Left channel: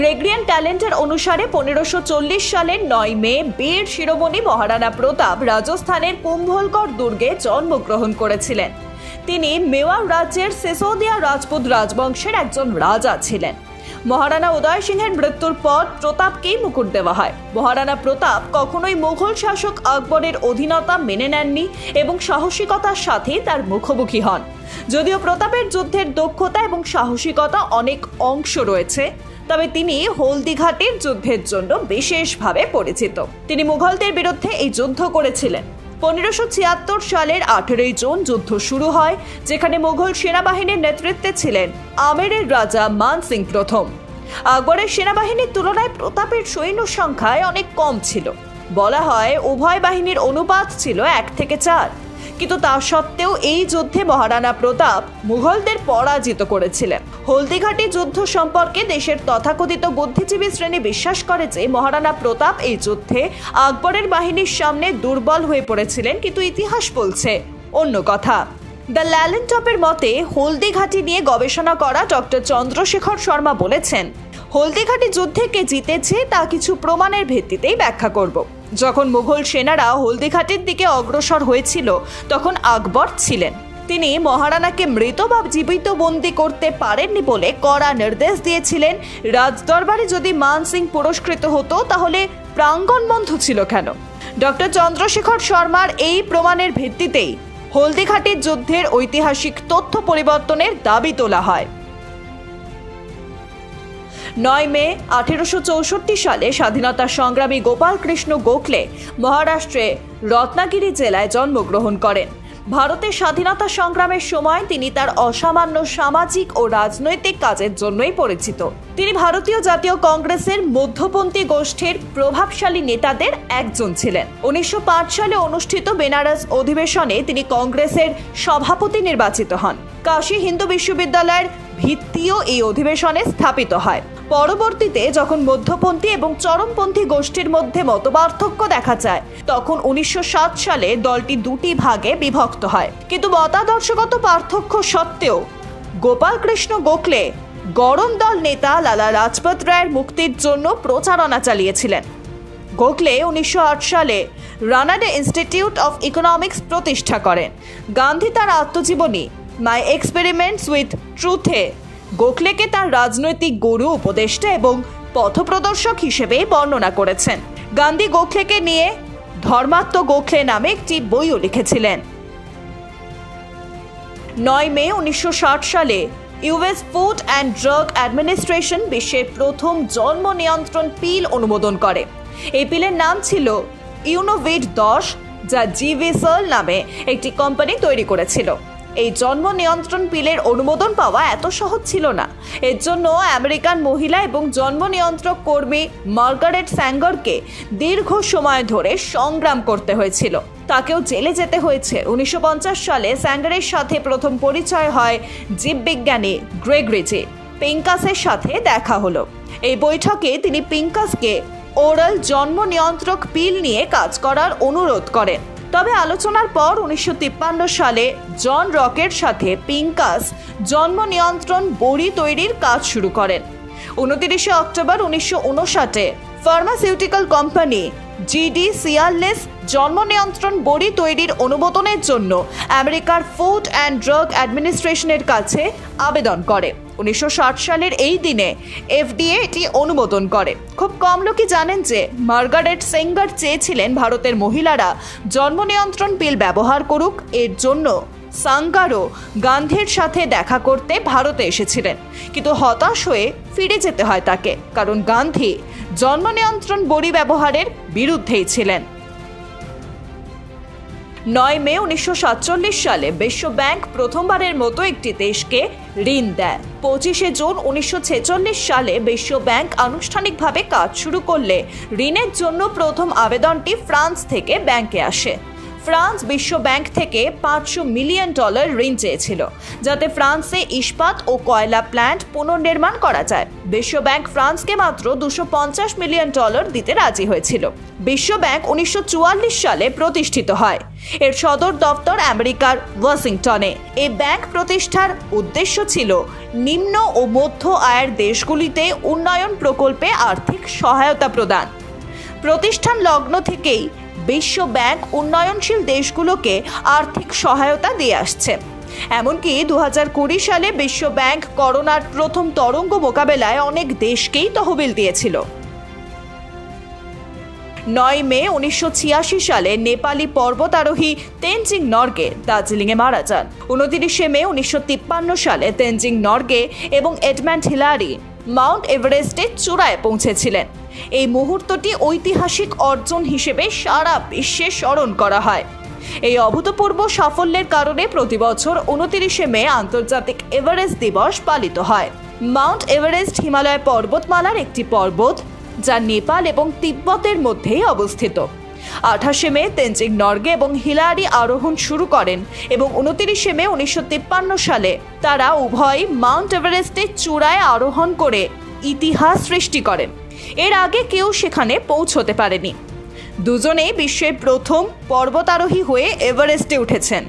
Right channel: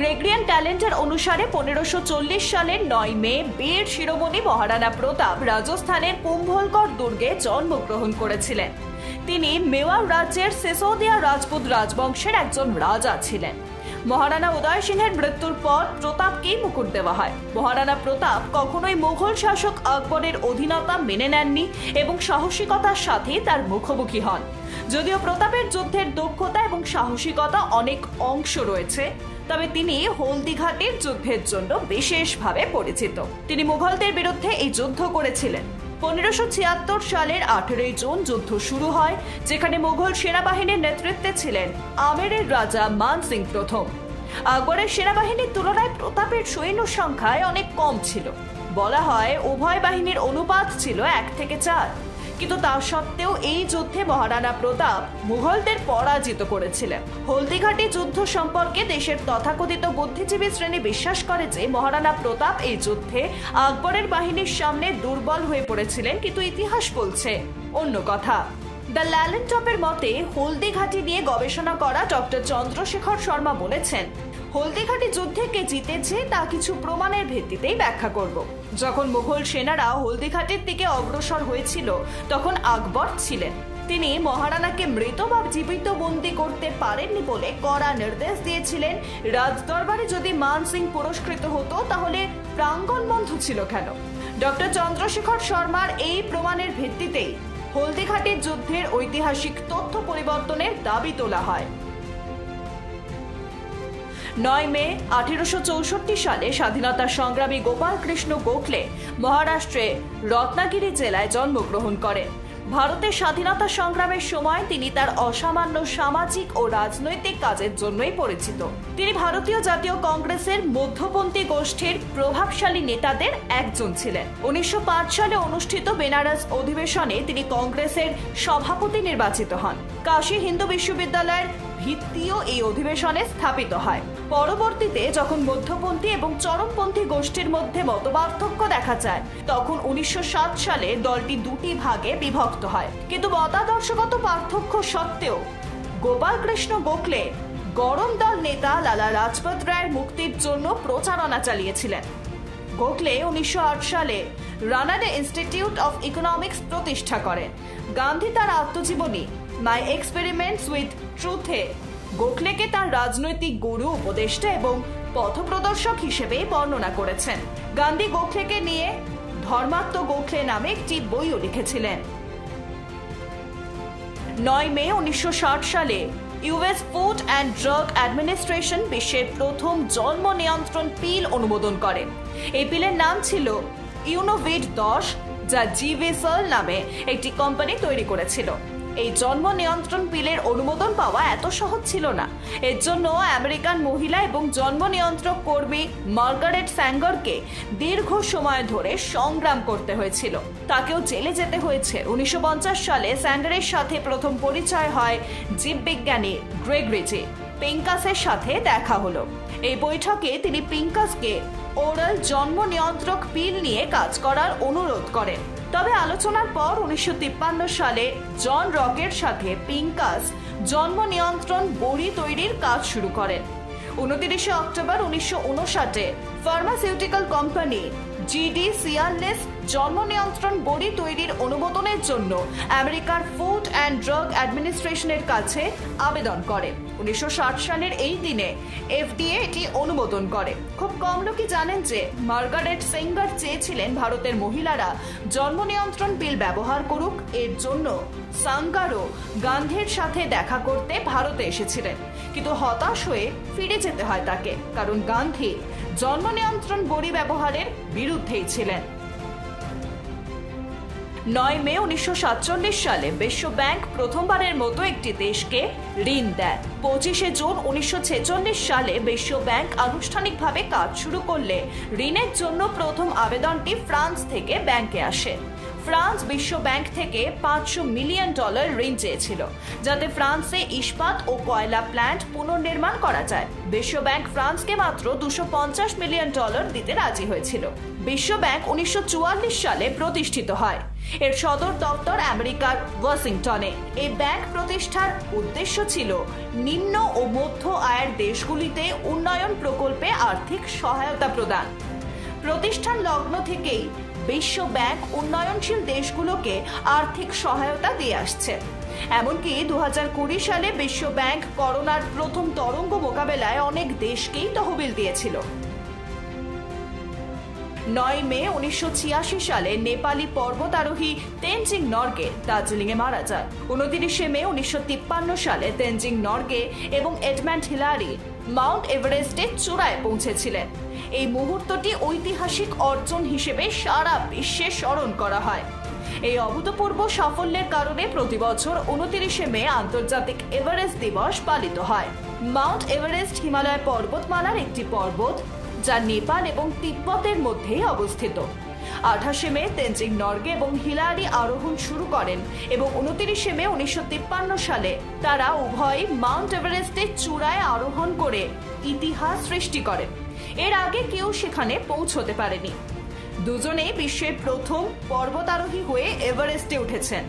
Gregorian calendar অনুসারে 1540 সালের 9 মে বীর শিরোমণি মহারানা প্রতাপ রাজস্থানের কুম্ভলগড় দুর্গে জন্মগ্রহণ করেছিলেন। তিনি মেওয়ার রাজ্যের সিসোদিয়া রাজপুত রাজবংশের একজন রাজা ছিলেন। মহারানা উদয় সিংহের মৃত্যুর পর প্রতাপকেই মুকুট দেওয়া হয়। মহারানা প্রতাপ কখনোই মুঘল শাসক আকবরের অধীনতা মেনে নেননি এবং সাহসিকতার সাথে তার মুখোমুখি হন। যদিও প্রতাপের যুদ্ধের দক্ষতা এবং সাহসিকতা অনেক অংশ রয়েছে, তবে তিনি হলদিঘাটের যুদ্ধের জন্য বিশেষভাবে পরিচিত। তিনি মুঘলদের বিরুদ্ধে এই যুদ্ধ করেছিলেন। 1576 সালের 18 জুন যুদ্ধ শুরু হয়, যেখানে মুঘল সেনাবাহিনীর নেতৃত্বে ছিলেন আমেরের রাজা মান সিং প্রথম। আকবরের সেনাবাহিনীর তুলনায় প্রতাপের সৈন্য সংখ্যায় অনেক কম ছিল। বলা হয় উভয় বাহিনীর অনুপাত ছিল 1:4, কিন্তু তা সত্ত্বেও এই যুদ্ধে মহারানা প্রতাপ মুঘলদের পরাজিত করেছিলেন। হলদিঘাটি যুদ্ধ সম্পর্কে দেশের তথাকথিত বুদ্ধিজীবী শ্রেণী বিশ্বাস করে যে মহারানা প্রতাপ এই যুদ্ধে আকবরের বাহিনীর সামনে দুর্বল হয়ে পড়েছিলেন, কিন্তু ইতিহাস বলছে অন্য কথা। দ্য ল্যালেন্টপের মতে হলদিঘাটি নিয়ে গবেষণা করা ডক্টর চন্দ্রশেখর শর্মা বলেছেন, হলদিঘাটি যুদ্ধে কে জিতেছে তা কিছু প্রমাণের ভিত্তিতেই ব্যাখ্যা করব। যখন মুঘল সেনারা হলদিঘাটির দিকে অগ্রসর হয়েছিল তখন আকবর ছিলেন। তিনি মহারানাকে মৃত বা জীবিত বন্দী করতে পারেননি বলে কড়া নির্দেশ দিয়েছিলেন। রাজদরবারে যদি মান সিং পুরস্কৃত হতো তাহলে প্রাঙ্গণ বন্ধ ছিল কেন? ডক্টর চন্দ্রশেখর শর্মার এই প্রমাণের ভিত্তিতেই হলদিঘাটির যুদ্ধের ঐতিহাসিক তথ্য পরিবর্তনের দাবি তোলা হয়। 9 মে 1864 সালে স্বাধীনতা সংগ্রামী গোপাল কৃষ্ণ গোখলে মহারাষ্ট্রে রত্নাগিরি জেলায় জন্মগ্রহণ করেন। ভারতের স্বাধীনতা সংগ্রামের সময় তিনি তার অসামান্য সামাজিক ও রাজনৈতিক কাজের জন্যই পরিচিত। তিনি ভারতীয় জাতীয় কংগ্রেসের মধ্যপন্থী গোষ্ঠীর প্রভাবশালী নেতাদের একজন ছিলেন। 1905 সালে অনুষ্ঠিত বেনারস অধিবেশনে তিনি কংগ্রেসের সভাপতি নির্বাচিত হন। কাশী হিন্দু বিশ্ববিদ্যালয়ের ভিত্তিও এই অধিবেশনে স্থাপিত হয়। পরবর্তীতে যখন মধ্যপন্থী এবং চরমপন্থী গোষ্ঠীর মধ্যে মতপার্থক্য দেখা যায়, তখন 1907 সালে দলটি দুটি ভাগে বিভক্ত হয়। কিন্তু মতাদর্শগত পার্থক্য সত্ত্বেও গোপাল কৃষ্ণ গোখলে গরম দল নেতা লালা লাজপত রায়ের মুক্তির জন্য প্রচারণা চালিয়েছিলেন। গোখলে 1908 সালে রানাডে ইনস্টিটিউট অফ ইকোনমিক্স প্রতিষ্ঠা করেন। গান্ধী তার আত্মজীবনী মাই এক্সপেরিমেন্টস উইথ ট্রুথে গোখলেকে তার রাজনৈতিক গুরু, উপদেষ্টা এবং পথপ্রদর্শক হিসেবে বর্ণনা করেছেন। গান্ধী গোখলেকে নিয়ে ধর্মাত্ম গোখলে নামে একটি বইও লিখেছিলেন। 9 মে 1960 সালে US food and drug administration বিশ্বের প্রথম জন্ম নিয়ন্ত্রণ পিল অনুমোদন করে। এই পিলের নাম ছিল ইউনোভিড 10, যা জিভিসল নামে একটি কোম্পানি তৈরি করেছিল। এই জন্ম নিয়ন্ত্রণ পিলের অনুমোদন পাওয়া এত সহজ ছিল না। এর জন্য আমেরিকান মহিলা এবং জন্ম নিয়ন্ত্রক কর্মী মার্গারেট স্যাঙ্গারকে দীর্ঘ সময় ধরে সংগ্রাম করতে হয়েছিল। তাকেও জেলে যেতে হয়েছে। 1950 সালে স্যাঙ্গারের সাথে প্রথম পরিচয় হয় জীববিজ্ঞানী গ্রেগরি পিঙ্কাসের সাথে দেখা হলো। এই বৈঠকে তিনি পিঙ্কাসকে ওরাল জন্ম নিয়ন্ত্রক পিল নিয়ে কাজ করার অনুরোধ করেন। তবে আলোচনার পর 1953 সালে জন রকের সাথে পিঙ্কাস জন্ম নিয়ন্ত্রণ বড়ি তৈরির কাজ শুরু করেন। 29 অক্টোবর 1959 ফার্মাসিউটিক্যাল কোম্পানি জিডি সিয়ারলেস জন্ম নিয়ন্ত্রণ বড়ি তৈরির অনুমোদনের জন্য আমেরিকার ফুড অ্যান্ড ড্রাগ অ্যাডমিনিস্ট্রেশনের কাছে আবেদন করে। 1960 সালের এই দিনে এফডিএ এটি অনুমোদন করে। খুব কম লোকই জানেন যে মার্গারেট স্যাঙ্গার চেয়েছিলেন ভারতের মহিলারা জন্ম নিয়ন্ত্রণ পিল ব্যবহার করুক। এর জন্য সাঙ্গারও গান্ধীর সাথে দেখা করতে ভারতে এসেছিলেন, কিন্তু হতাশ হয়ে ফিরে যেতে হয় তাকে, কারণ গান্ধী জন্ম নিয়ন্ত্রণ বড়ি ব্যবহারের বিরুদ্ধেই ছিলেন। 9 মে 1947 সালে বিশ্ব ব্যাংক প্রথমবারের মতো একটি দেশকে ঋণ দেয়। 25 জুন 1946 সালে বিশ্ব ব্যাংক আনুষ্ঠানিকভাবে কাজ শুরু করলে ঋণের জন্য প্রথম আবেদনটি ফ্রান্স থেকে ব্যাংকে আসে। ফ্রান্স বিশ্ব ব্যাংক থেকে $500 মিলিয়ন ঋণ চেয়েছিল, যাতে ফ্রান্সে ইস্পাত ও কয়লা প্ল্যান্ট পুনর্নির্মাণ করা যায়। বিশ্ব ব্যাংক ফ্রান্সকে মাত্র $250 মিলিয়ন দিতে রাজি হয়েছিল। বিশ্ব ব্যাংক 1944 সালে প্রতিষ্ঠিত হয়। এর সদর দপ্তর আমেরিকার ওয়াশিংটনে। এই ব্যাংক প্রতিষ্ঠার উদ্দেশ্য ছিল নিম্ন ও মধ্য আয়ের দেশগুলিতে উন্নয়ন প্রকল্পে আর্থিক সহায়তা প্রদান। প্রতিষ্ঠান লগ্ন থেকেই বিশ্ব ব্যাংক উন্নয়নশীল দেশগুলোকে আর্থিক সহায়তা দিয়ে আসছে। এমনকি 2020 সালে বিশ্ব ব্যাংক করোনার প্রথম তরঙ্গ মোকাবেলায় অনেক দেশকেই তহবিল দিয়েছিল। 9 মে 1986 সালে নেপালি পর্বতারোহী তেনজিং নরগে দার্জিলিংয়ে মারা যান। 29 মে 1953 সালে তেনজিং নরগে এবং এডমান্ড হিলারি মাউন্ট এভারেস্টের চূড়ায় পৌঁছেছিলেন। এই মুহূর্তটি ঐতিহাসিক অর্জন হিসেবে সারা বিশ্বে স্মরণ করা হয়। এই অভূতপূর্ব সাফল্যের কারণে প্রতি বছর 29 মে আন্তর্জাতিক এভারেস্ট দিবস পালিত হয়। মাউন্ট এভারেস্ট হিমালয় পর্বতমালার একটি পর্বত, যা নেপাল এবং তিব্বতের মধ্যেই অবস্থিত। 28 মে তেনজিং নরগে এবং হিলারি আরোহণ শুরু করেন এবং 29 মে 1953 সালে তারা উভয় মাউন্ট এভারেস্টের চূড়ায় আরোহণ করে ইতিহাস সৃষ্টি করেন। এর আগে কেউ সেখানে পৌঁছতে পারেনি। দুজনেই বিশ্বের প্রথম পর্বতারোহী হয়ে এভারেস্টে উঠেছেন।